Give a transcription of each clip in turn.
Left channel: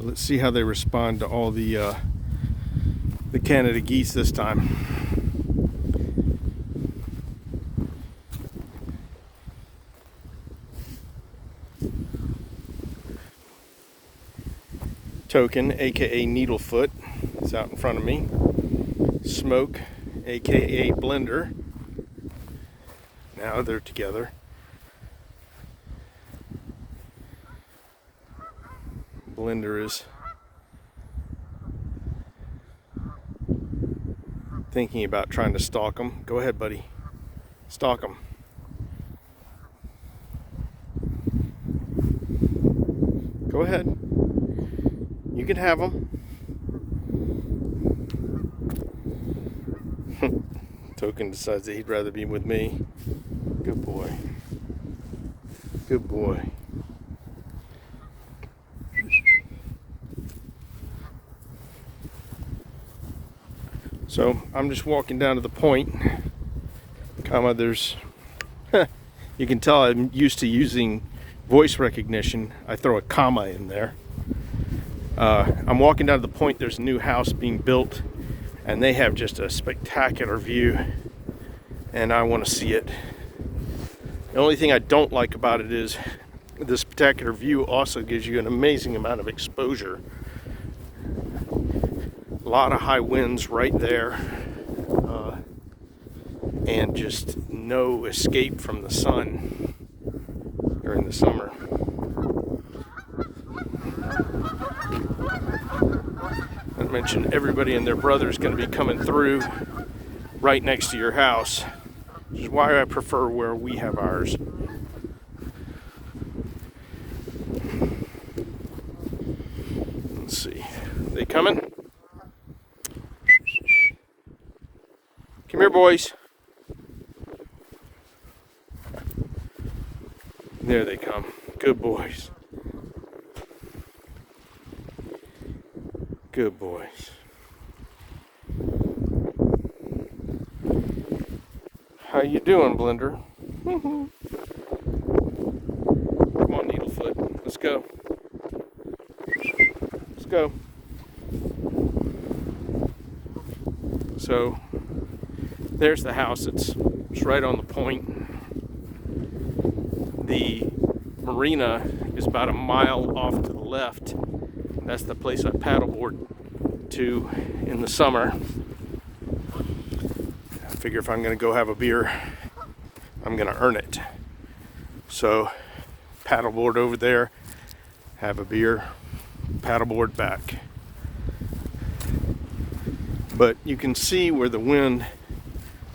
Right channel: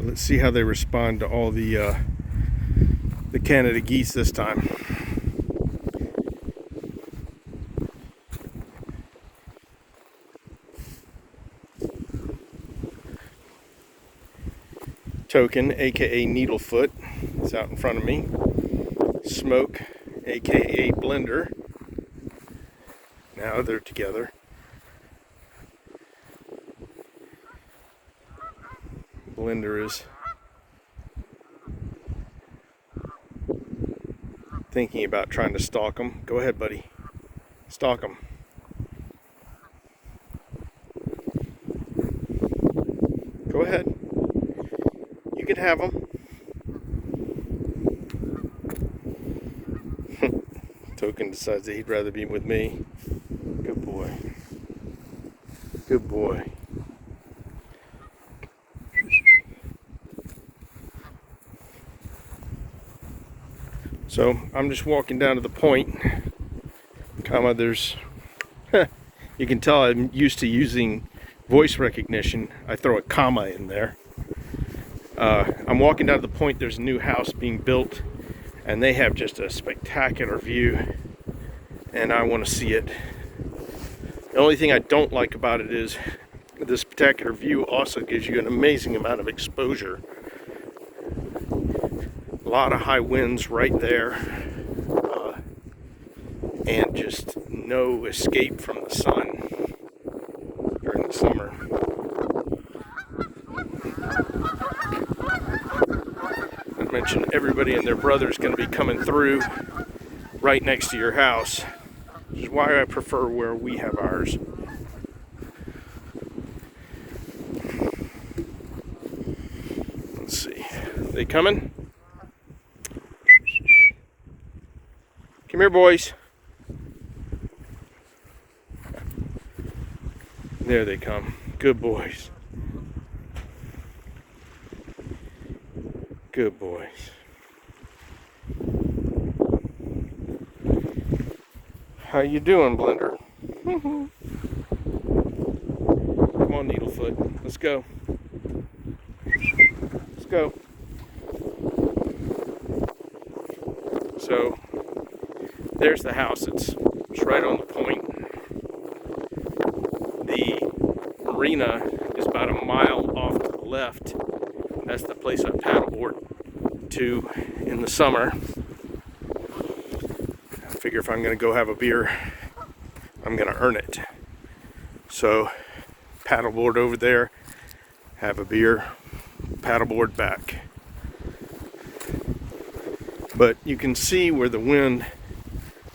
So let's see how they respond to all the Canada geese this time. Token, aka Needlefoot, is out in front of me. Smoke, aka Blender. Now they're together. Blender is thinking about trying to stalk them. Go ahead, buddy. Stalk them. Go ahead. You can have them. Token decides that he'd rather be with me. Good boy. Good boy. So I'm just walking down to the point, there's, you can tell I'm used to using voice recognition. I throw a comma in there. I'm walking down to the point. There's a new house being built, and they have just a spectacular view, and I want to see it. The only thing I don't like about it is the spectacular view also gives you an amazing amount of exposure. A lot of high winds right there, and just no escape from the sun during the summer. I mentioned everybody and their brother is going to be coming through right next to your house. This is why I prefer where we have ours. Let's see. Are they coming? Come here, boys. There they come. Good boys. Good boys. How you doing, Blender? Come on, Needlefoot. Let's go. Let's go. So there's the house. It's right on the point. The marina is about a mile off to the left. That's the place I paddleboard to in the summer. I figure if I'm going to go have a beer, I'm going to earn it. So paddleboard over there, have a beer, paddleboard back. But you can see where the wind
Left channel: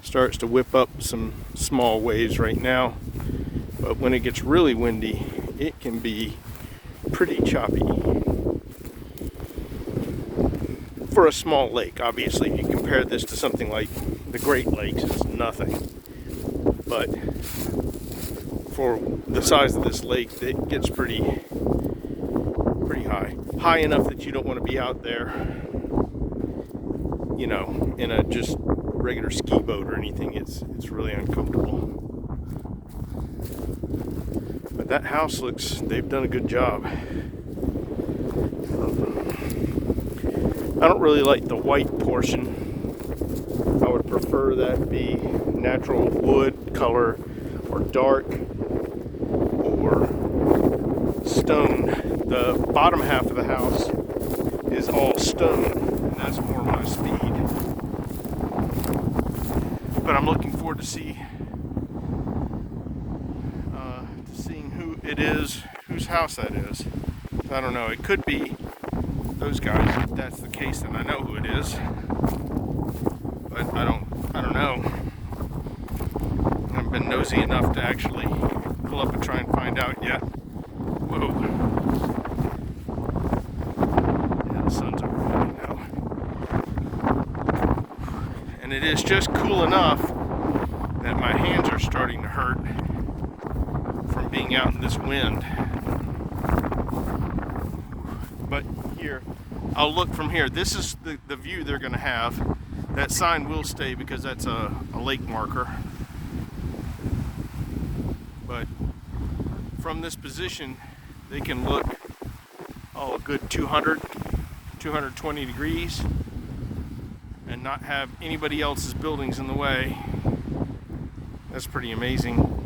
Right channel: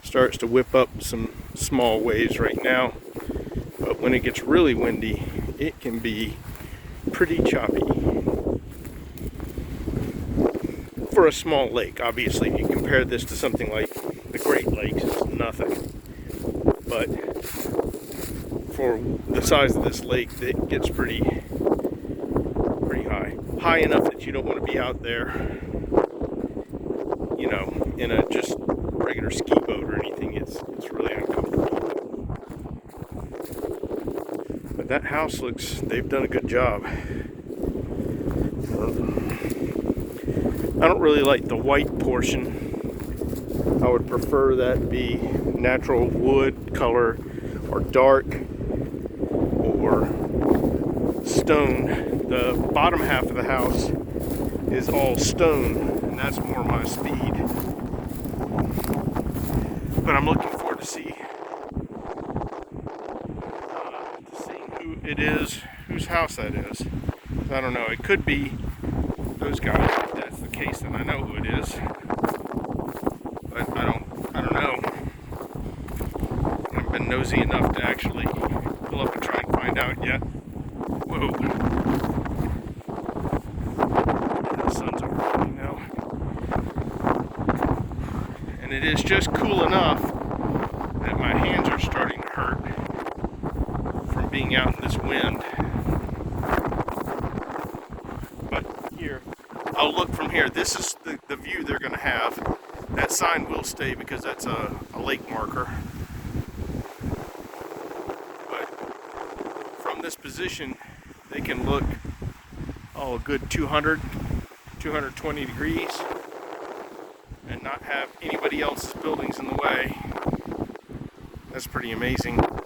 starts to whip up some small waves right now. But when it gets really windy, it can be pretty choppy. For a small lake, obviously, if you compare this to something like the Great Lakes, it's nothing. But for the size of this lake, it gets pretty high. High enough that you don't want to be out there, you know, in a just regular ski boat or anything. It's really uncomfortable. But that house they've done a good job. I don't really like the white portion. I would prefer that be natural wood color or dark or stone. The bottom half of the house is all stone, and that's more my speed. But I'm looking forward to seeing who it is, whose house that is. I don't know. It could be those guys. If that's the case, then I know who it is. But I don't know. I haven't been nosy enough to actually pull up and try and find out yet. Whoa. Yeah, the sun's over now. And it is just cool enough that my hands are starting to hurt from being out in this wind. But here, I'll look from here. This is the view they're going to have. That sign will stay because that's a lake marker. But from this position, they can look a good 200, 220 degrees and not have anybody else's buildings in the way. That's pretty amazing.